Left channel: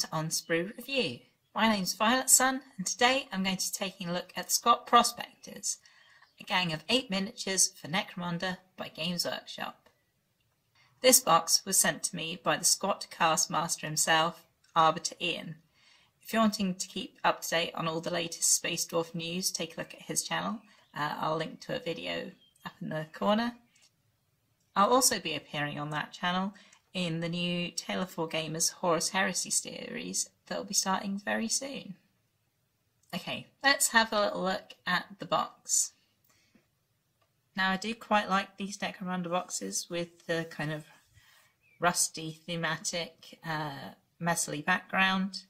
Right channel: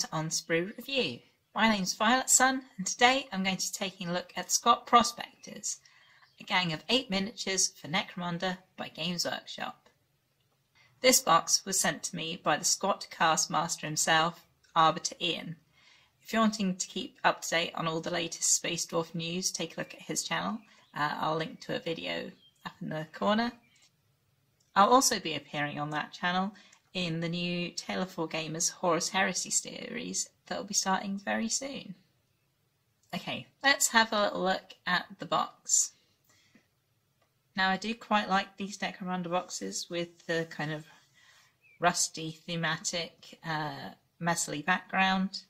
to Sprue Review. My name's Violet Sun, and today I'm going to be taking a look at Squat Prospectors, a gang of 8 miniatures for Necromunda by Games Workshop. This box was sent to me by the Squat cast master himself, Arbiter Ian. If you're wanting to keep up to date on all the latest Space Dwarf news, take a look at his channel. I'll link to a video up in the corner. I'll also be appearing on that channel in the new Tale of Four Gamers Horus Heresy series that will be starting very soon. Okay, let's have a little look at the box. Now I do quite like these Necromunda boxes with the kind of rusty thematic metally background,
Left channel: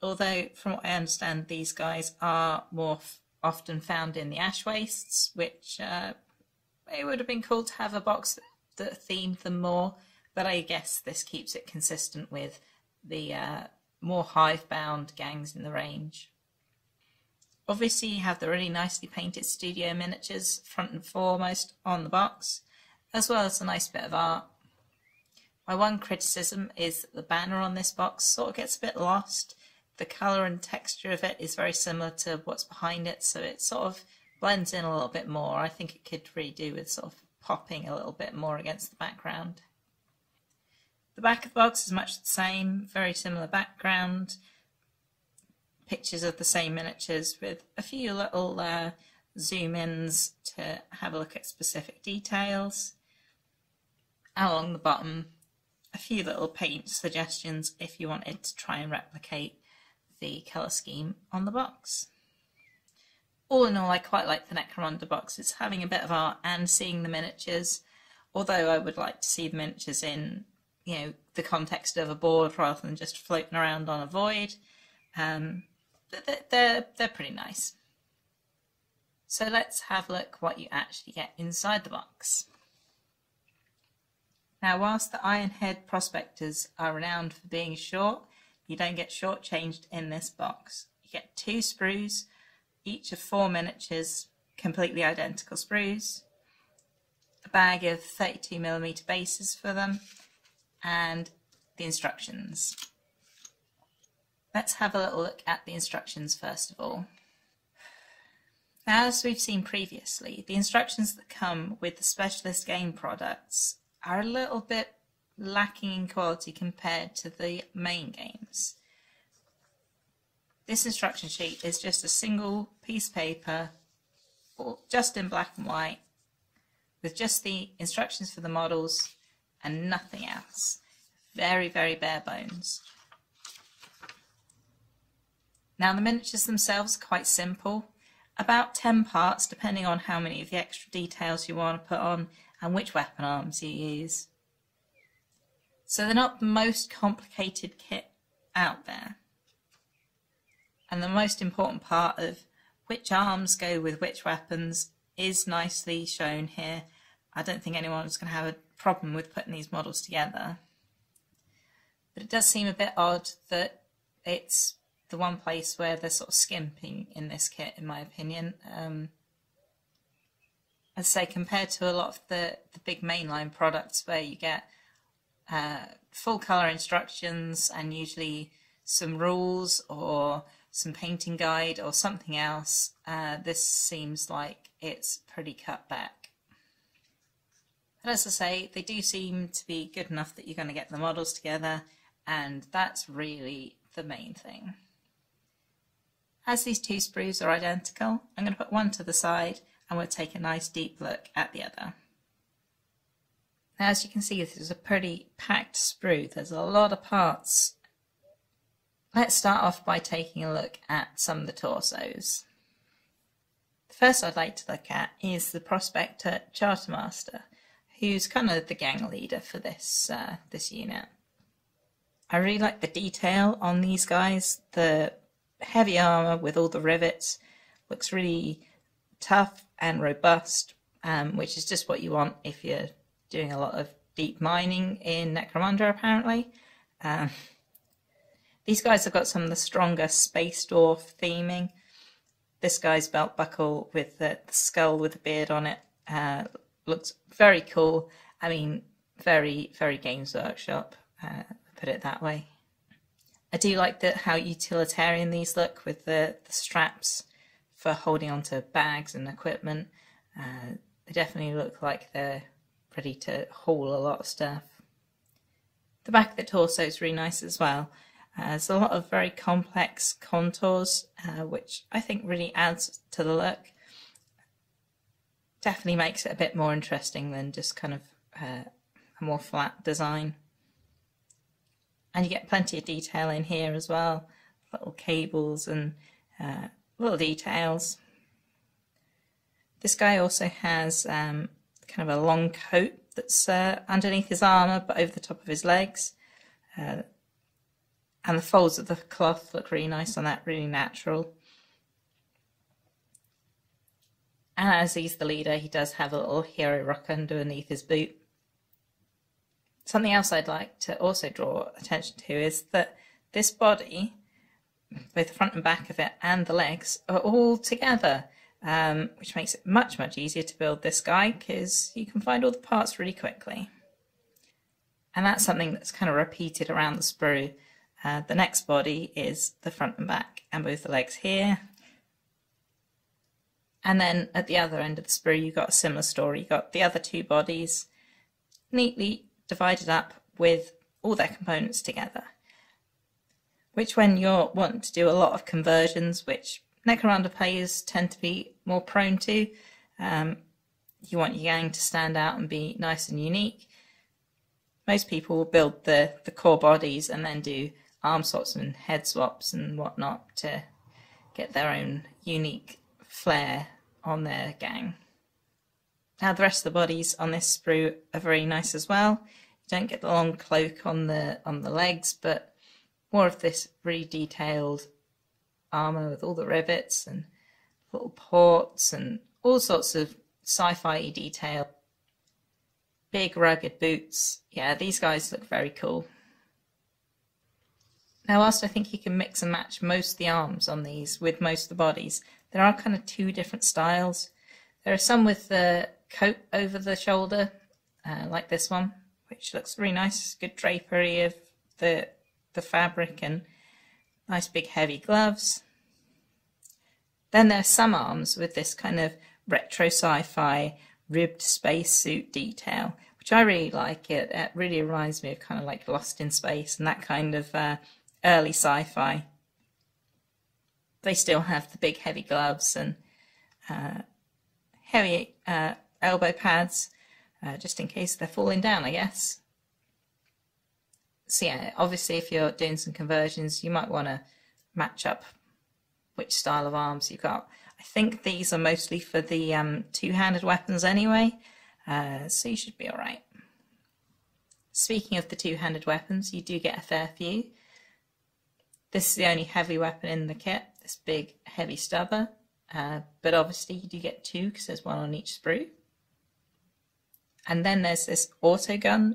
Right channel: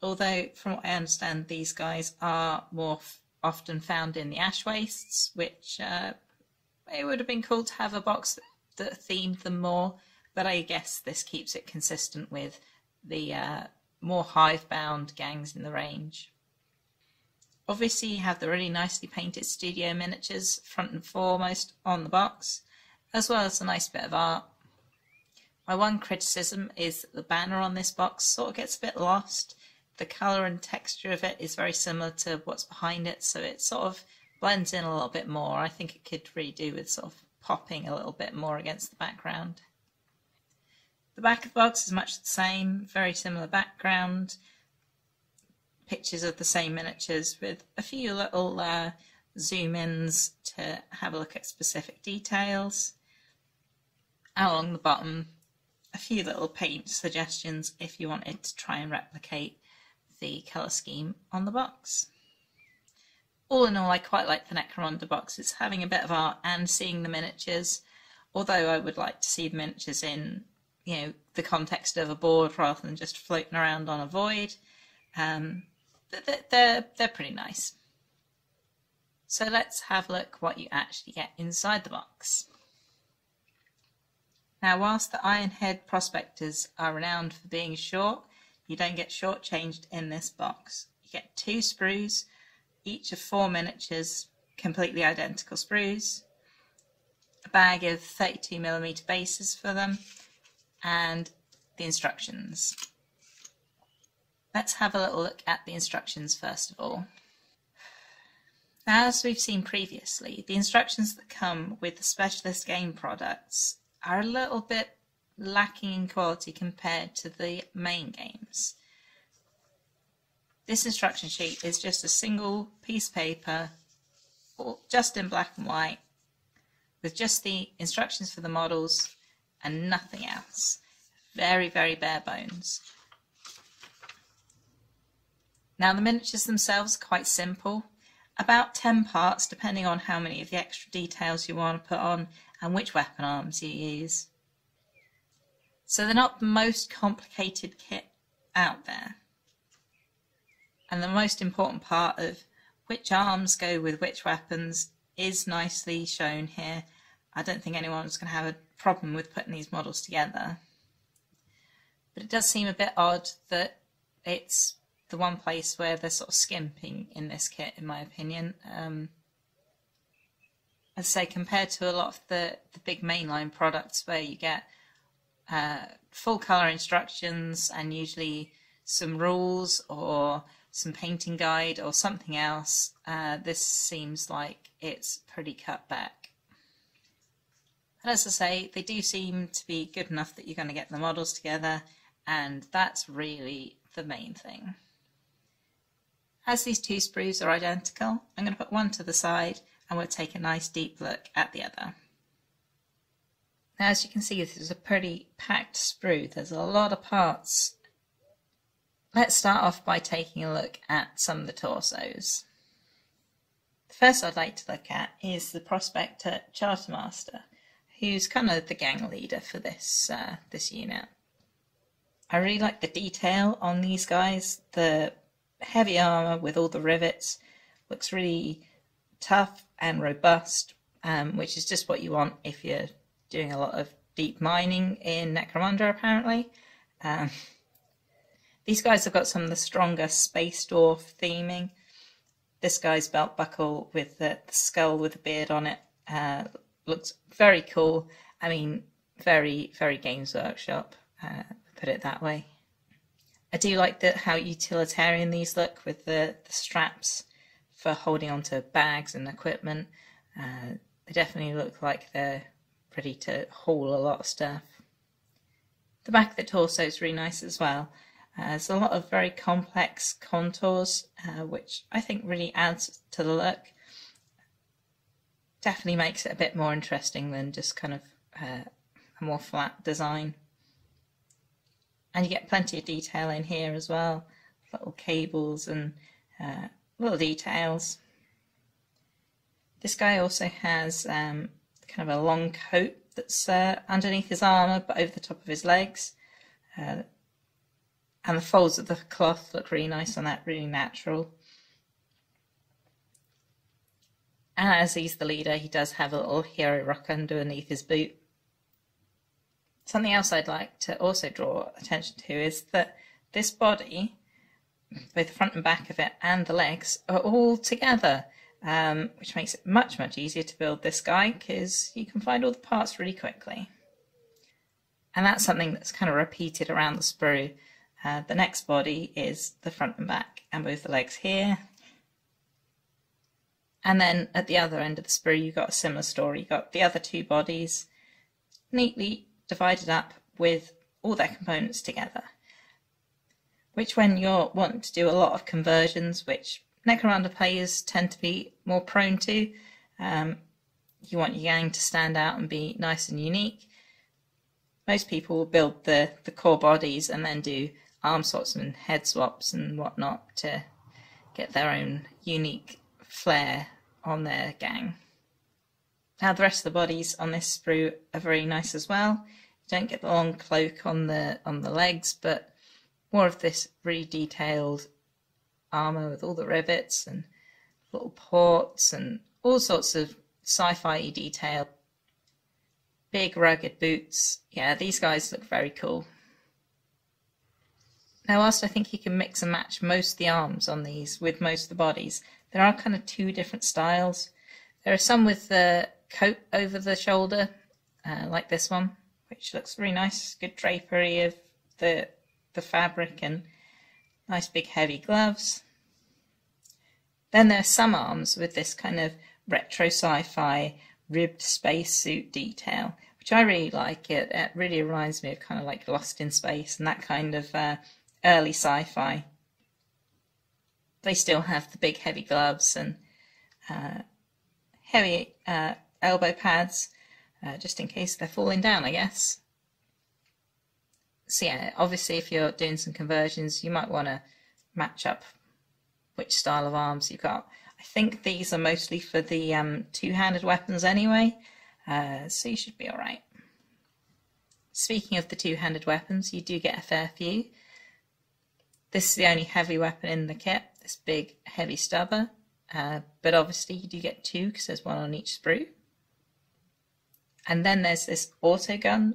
although from what I understand these guys are more often found in the ash wastes, which it would have been cool to have a box that themed them more. But I guess this keeps it consistent with the more hive-bound gangs in the range. Obviously you have the really nicely painted studio miniatures front and foremost on the box, as well as a nice bit of art. My one criticism is that the banner on this box sort of gets a bit lost. The colour and texture of it is very similar to what's behind it, so it sort of blends in a little bit more. I think it could really do with sort of popping a little bit more against the background. The back of the box is much the same, very similar background, pictures of the same miniatures with a few little zoom-ins to have a look at specific details. And along the bottom, a few little paint suggestions if you wanted to try and replicate the colour scheme on the box. All in all, I quite like the Necromunda boxes, having a bit of art and seeing the miniatures, although I would like to see the miniatures in the context of a board rather than just floating around on a void. They're pretty nice. So let's have a look what you actually get inside the box. Now, whilst the Ironhead Prospectors are renowned for being short, you don't get shortchanged in this box. You get 2 sprues, each of 4 miniatures, completely identical sprues, a bag of 32mm bases for them, and the instructions. Let's have a little look at the instructions first of all. Now, as we've seen previously, the instructions that come with the specialist game products are a little bit lacking in quality compared to the main games. This instruction sheet is just a single piece of paper, just in black and white, with just the instructions for the models and nothing else. Very, very bare bones. Now the miniatures themselves are quite simple, about 10 parts depending on how many of the extra details you want to put on and which weapon arms you use. So they're not the most complicated kit out there. And the most important part of which arms go with which weapons is nicely shown here. I don't think anyone's going to have a problem with putting these models together. But it does seem a bit odd that it's the one place where they're sort of skimping in this kit, in my opinion. As I say, compared to a lot of the big mainline products where you get full colour instructions and usually some rules or some painting guide or something else, this seems like it's pretty cut back. As I say, they do seem to be good enough that you're going to get the models together, and that's really the main thing. As these 2 sprues are identical, I'm going to put one to the side and we'll take a nice deep look at the other. Now, as you can see, this is a pretty packed sprue. There's a lot of parts. Let's start off by taking a look at some of the torsos. The first I'd like to look at is the Prospector Chartermaster, who's kind of the gang leader for this unit. I really like the detail on these guys. The heavy armour with all the rivets looks really tough and robust, which is just what you want if you're doing a lot of deep mining in Necromunda, apparently. These guys have got some of the stronger Space Dwarf theming. This guy's belt buckle with the skull with the beard on it looks very cool. I mean, very, very Games Workshop, put it that way. I do like how utilitarian these look with the straps for holding onto bags and equipment. They definitely look like they're ready to haul a lot of stuff. The back of the torso is really nice as well. There's a lot of very complex contours, which I think really adds to the look. Definitely makes it a bit more interesting than just kind of a more flat design. And you get plenty of detail in here as well, little cables and little details. This guy also has kind of a long coat that's underneath his armour but over the top of his legs. And the folds of the cloth look really nice on that, really natural. And as he's the leader, he does have a little hero rock underneath his boot. Something else I'd like to also draw attention to is that this body, both the front and back of it and the legs, are all together, which makes it much easier to build this guy because you can find all the parts really quickly. And that's something that's kind of repeated around the sprue. The next body is the front and back and both the legs here. And then at the other end of the sprue you've got a similar story. You've got the other two bodies neatly divided up with all their components together. Which when you're wanting to do a lot of conversions, which Necromunda players tend to be more prone to, you want your gang to stand out and be nice and unique. Most people will build the core bodies and then do arm swaps and head swaps and whatnot to get their own unique flair on their gang. Now the rest of the bodies on this sprue are very nice as well. You don't get the long cloak on the legs, but more of this really detailed armour with all the rivets and little ports and all sorts of sci-fi detail. Big rugged boots. Yeah, these guys look very cool. Now whilst I think you can mix and match most of the arms on these with most of the bodies, there are kind of two different styles. There are some with the coat over the shoulder, like this one, which looks really nice, good drapery of the fabric and nice big heavy gloves. Then there are some arms with this kind of retro sci-fi ribbed spacesuit detail, which I really like. It really reminds me of kind of like Lost in Space and that kind of early sci-fi. They still have the big heavy gloves and heavy elbow pads, just in case they're falling down, I guess. So yeah, obviously if you're doing some conversions, you might want to match up which style of arms you've got. I think these are mostly for the two-handed weapons anyway, so you should be alright. Speaking of the two-handed weapons, you do get a fair few. This is the only heavy weapon in the kit, this big heavy stubber, but obviously you do get two because there's one on each sprue. And then there's this auto gun,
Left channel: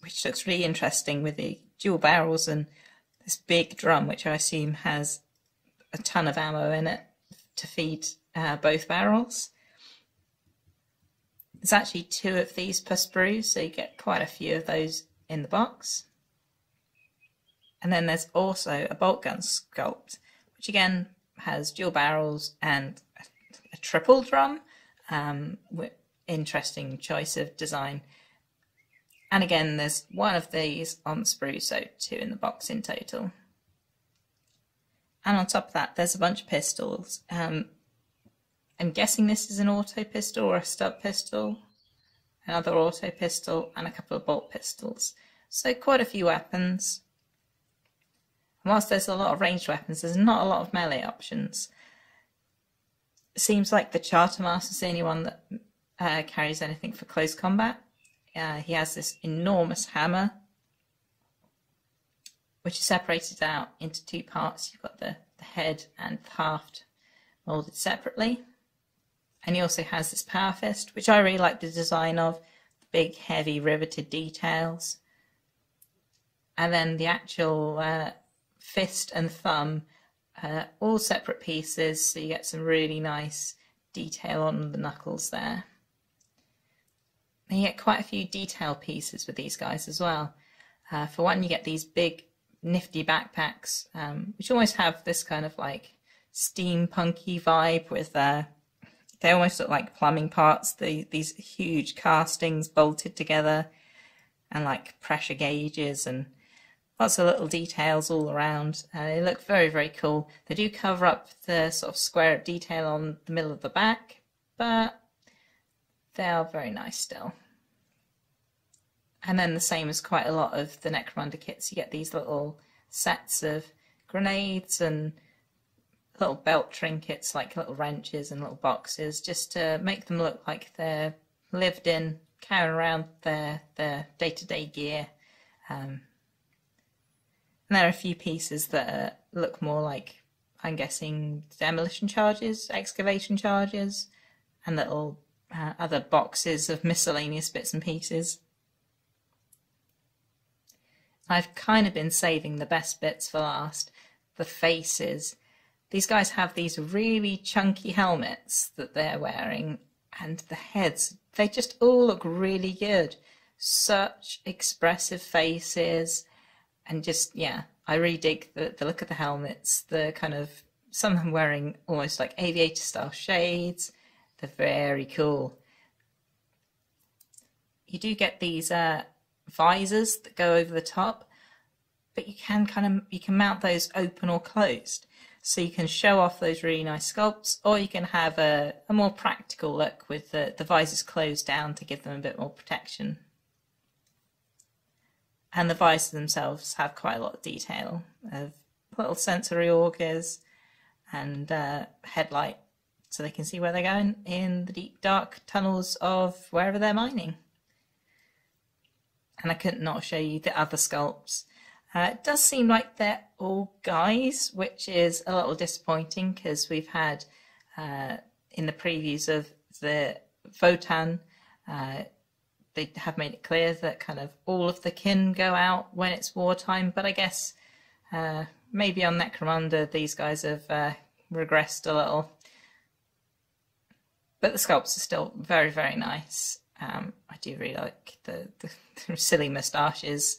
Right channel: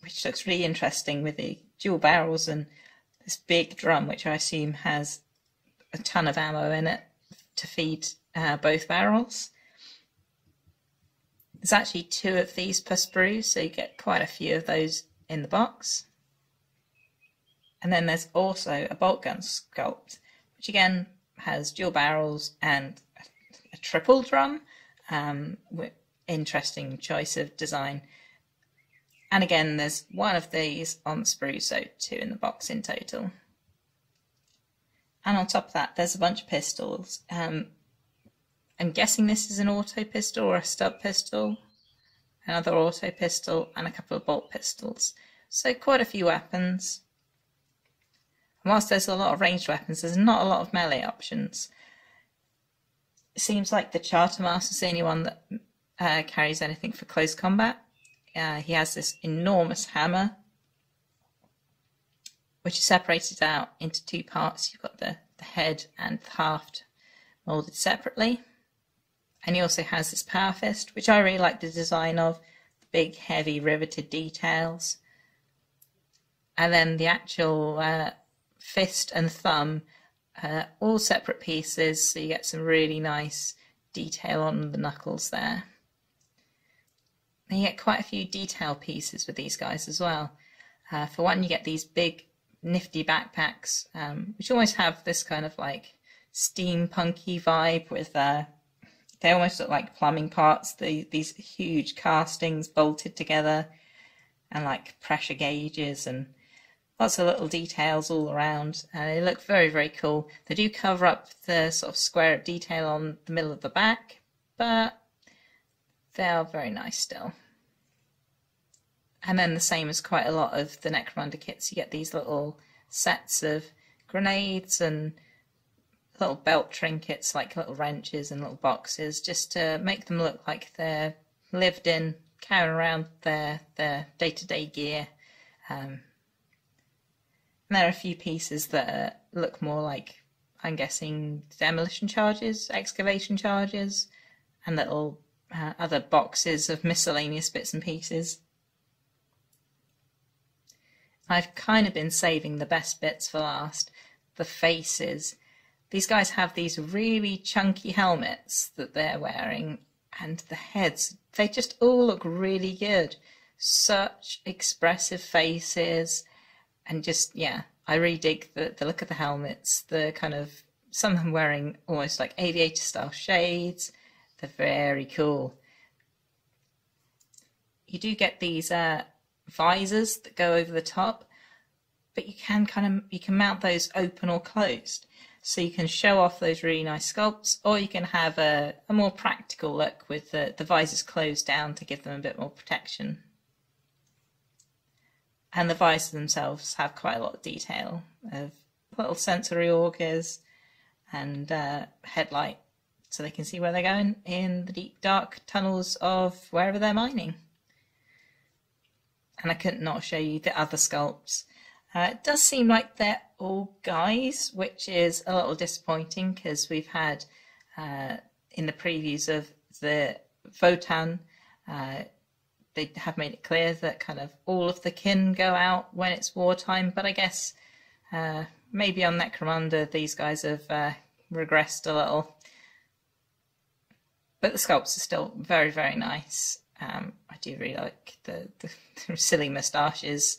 which looks really interesting with the dual barrels and this big drum, which I assume has a ton of ammo in it to feed both barrels. There's actually two of these per sprue, so you get quite a few of those in the box. And then there's also a bolt gun sculpt, which again has dual barrels and a triple drum. Interesting choice of design. And again, there's one of these on the sprue, so two in the box in total. And on top of that, there's a bunch of pistols. I'm guessing this is an auto pistol or a stub pistol, another auto pistol, and a couple of bolt pistols. So quite a few weapons. And whilst there's a lot of ranged weapons, there's not a lot of melee options. It seems like the Chartermaster's the only one that carries anything for close combat. He has this enormous hammer, which is separated out into two parts. You've got the head and the haft molded separately. And he also has this power fist, which I really like the design of, the big heavy riveted details. And then the actual fist and thumb, all separate pieces, so you get some really nice detail on the knuckles there. And you get quite a few detail pieces with these guys as well. For one, you get these big nifty backpacks, which almost have this kind of like steampunky vibe with they almost look like plumbing parts, these huge castings bolted together and like pressure gauges and lots of little details all around. They look very, very cool. They do cover up the sort of square detail on the middle of the back, but they are very nice still. And then the same as quite a lot of the Necromunda kits, you get these little sets of grenades and little belt trinkets like little wrenches and little boxes, just to make them look like they're lived in, carrying around their day-to-day gear. And there are a few pieces that look more like, I'm guessing, demolition charges, excavation charges, and little other boxes of miscellaneous bits and pieces. I've kind of been saving the best bits for last, the faces. These guys have these really chunky helmets that they're wearing, and the heads, they just all look really good. Such expressive faces, and just, yeah, I really dig the look of the helmets. The kind of, some of them wearing almost like aviator style shades. They're very cool. You do get these visors that go over the top, but you can mount those open or closed. So you can show off those really nice sculpts, or you can have a more practical look with the visors closed down to give them a bit more protection. And the visors themselves have quite a lot of detail, of little sensory augers and headlight, so they can see where they're going in the deep dark tunnels of wherever they're mining. And I couldn't not show you the other sculpts. It does seem like they're all guys, which is a little disappointing, because we've had in the previews of the Votan, they have made it clear that kind of all of the kin go out when it's wartime, but I guess maybe on Necromunda these guys have regressed a little. But the sculpts are still very, very nice. I do really like the silly moustaches.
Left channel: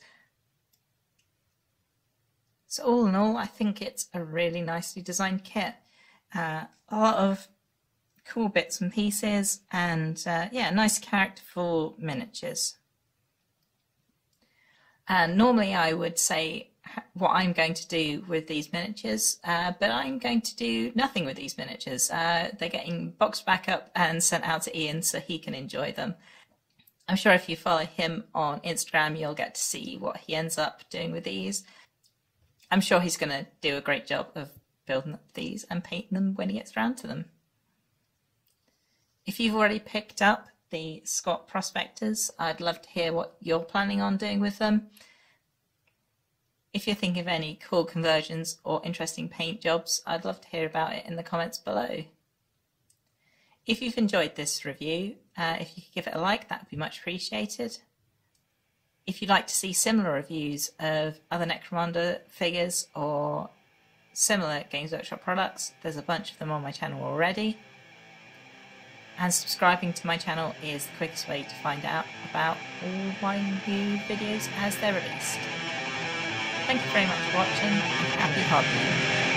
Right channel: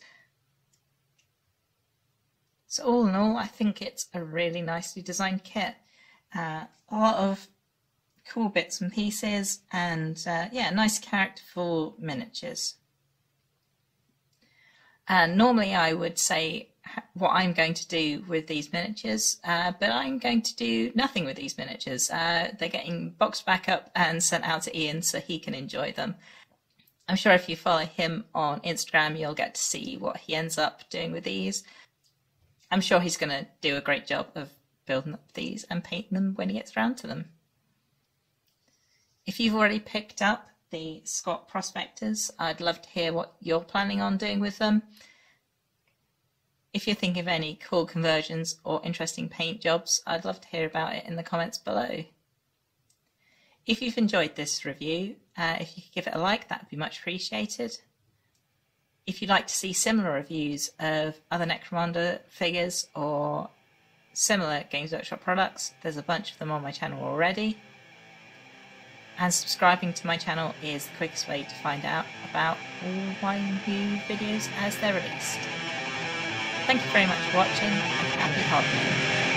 So all in all, I think it's a really nicely designed kit. A lot of cool bits and pieces, and yeah, nice characterful miniatures. And normally I would say what I'm going to do with these miniatures, but I'm going to do nothing with these miniatures. They're getting boxed back up and sent out to Ian so he can enjoy them. I'm sure if you follow him on Instagram, you'll get to see what he ends up doing with these. I'm sure he's going to do a great job of building up these and painting them when he gets around to them. If you've already picked up the Squat Prospectors, I'd love to hear what you're planning on doing with them. If you're thinking of any cool conversions or interesting paint jobs, I'd love to hear about it in the comments below. If you've enjoyed this review, if you could give it a like, that would be much appreciated. If you'd like to see similar reviews of other Necromunda figures or similar Games Workshop products, there's a bunch of them on my channel already. And subscribing to my channel is the quickest way to find out about my new videos as they're released. Thank you very much for watching, and have a good holiday.